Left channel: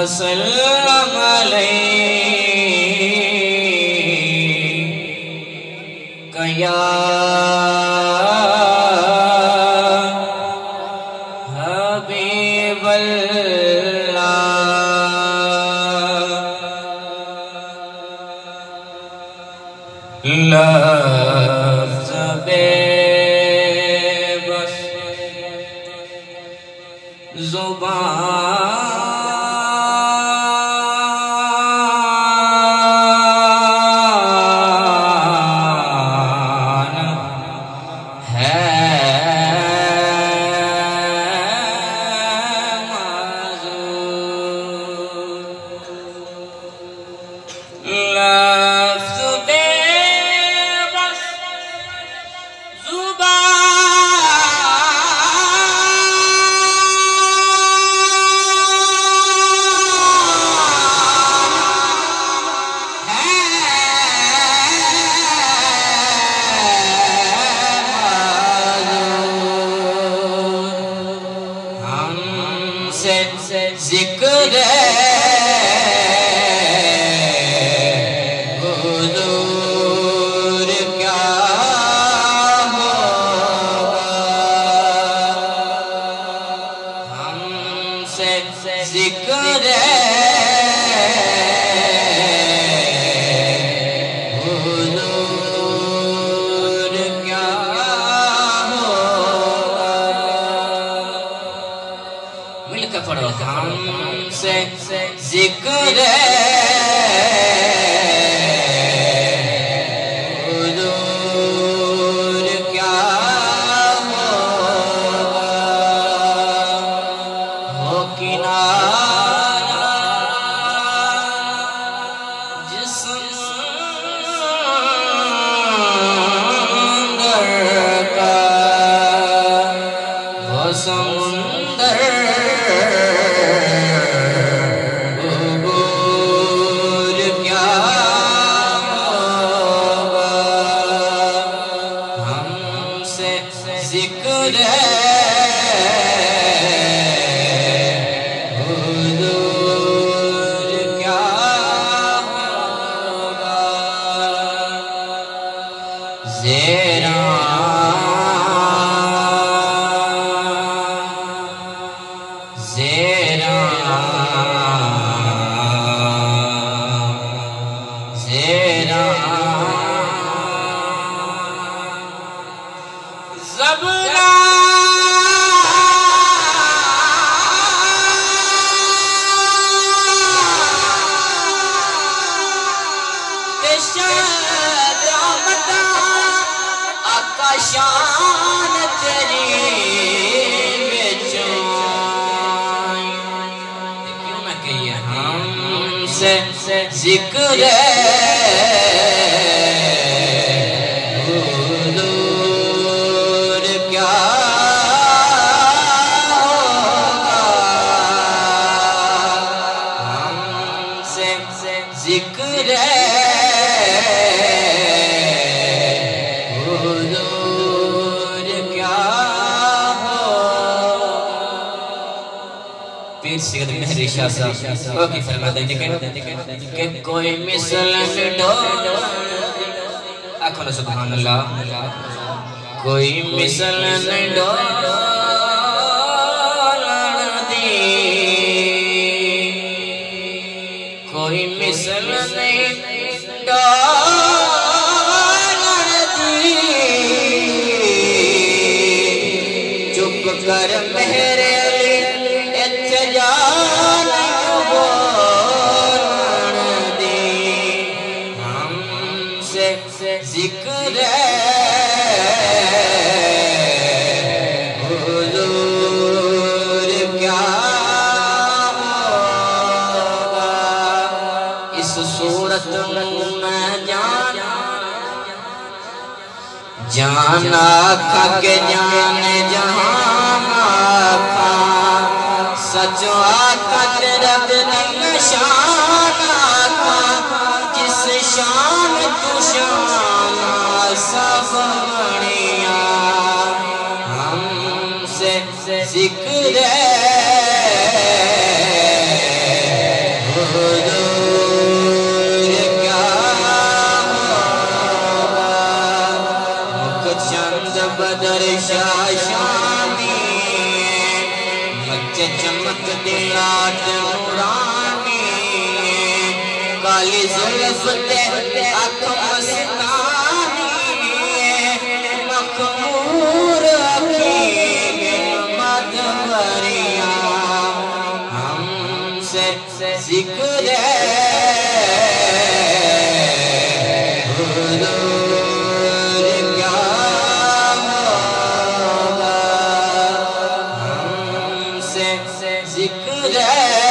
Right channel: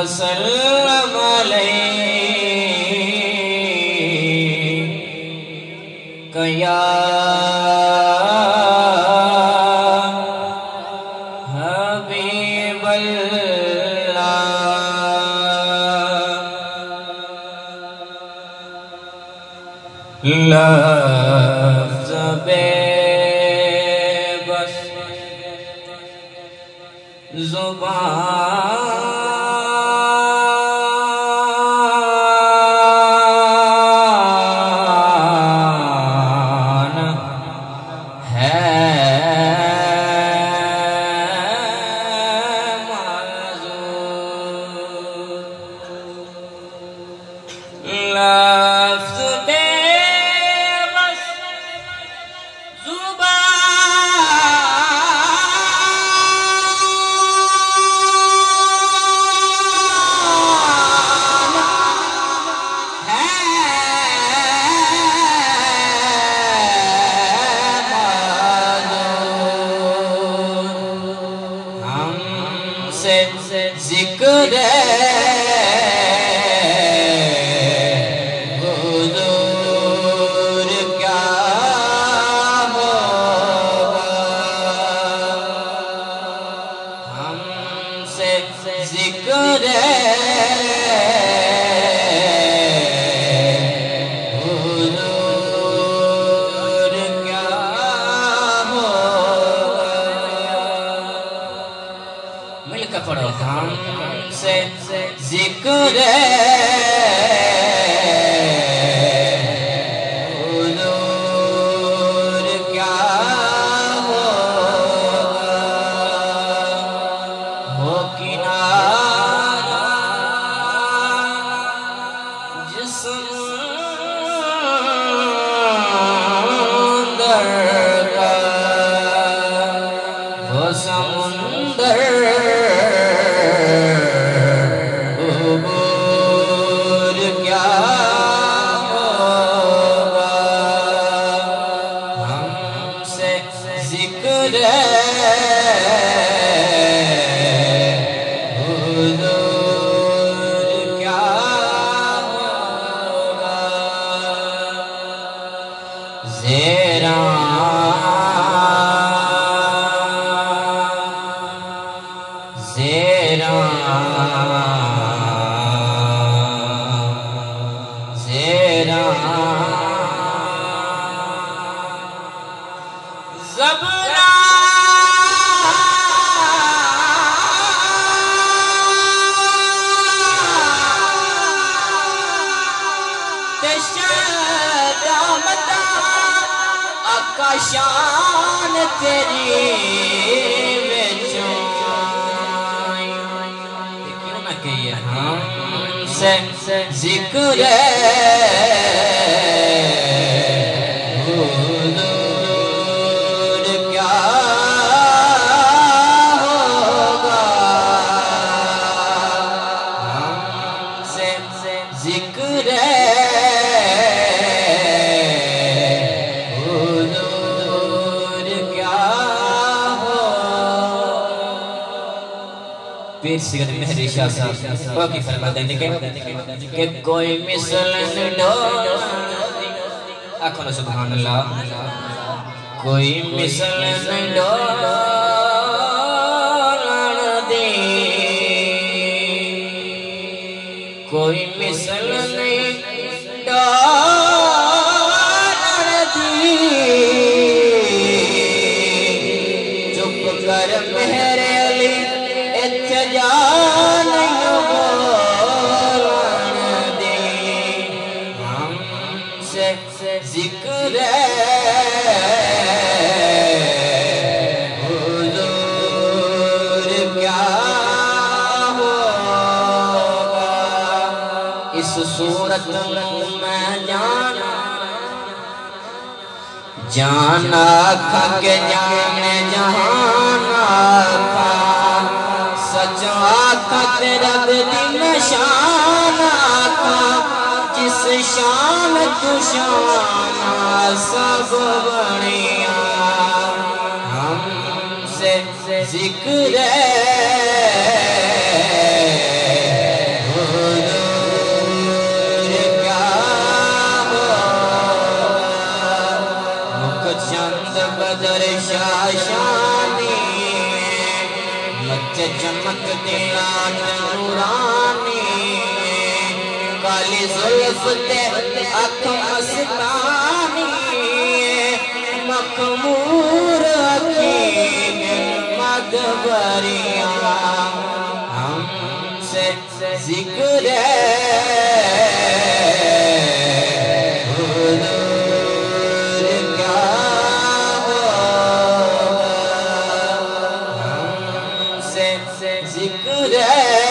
वसल्लम अलैका या लफ्ज़ बेबस ज़ुबान है जिक्र हुजूर क्या होगा, हमसे जिक्र हुजूर क्या होगा। मिलकर पढ़ो हमसे जिक्र हुजूर क्या होगा, हो किनारा जिस्म का, हो समुंदर जिक्र हुजूर क्या होगा। ज़ेरा ज़ेरा ज़ेरा ज़बना तेशामता आकाशान तेरी देखिए ना कि हमसे जिक्र जिक्र हुजूर क्या हो। पीर सिगत मेहरी शाह साहब वो की फरमाते हैं कि कोई मिसल में ढोल आखो ना सुभान अल्लाह, कोई मिसल नहीं ढोल कोई मिसल नहीं डालती, चुप कर मेरे अली इत्तेजान बोलती, हमसे जिक्र हुजूर क्या इस सूरत में जाना का के जाने जहाना था, सच आका तेरा दिन शाना था, जिस शान तू शाना सब बढ़िया, हमसे जिक्र चमक दिलाट नूरानी काली जुल्फ ते अख मस्तानी मखमूर अखी मदबरिया हमसे जिक्र जिक्र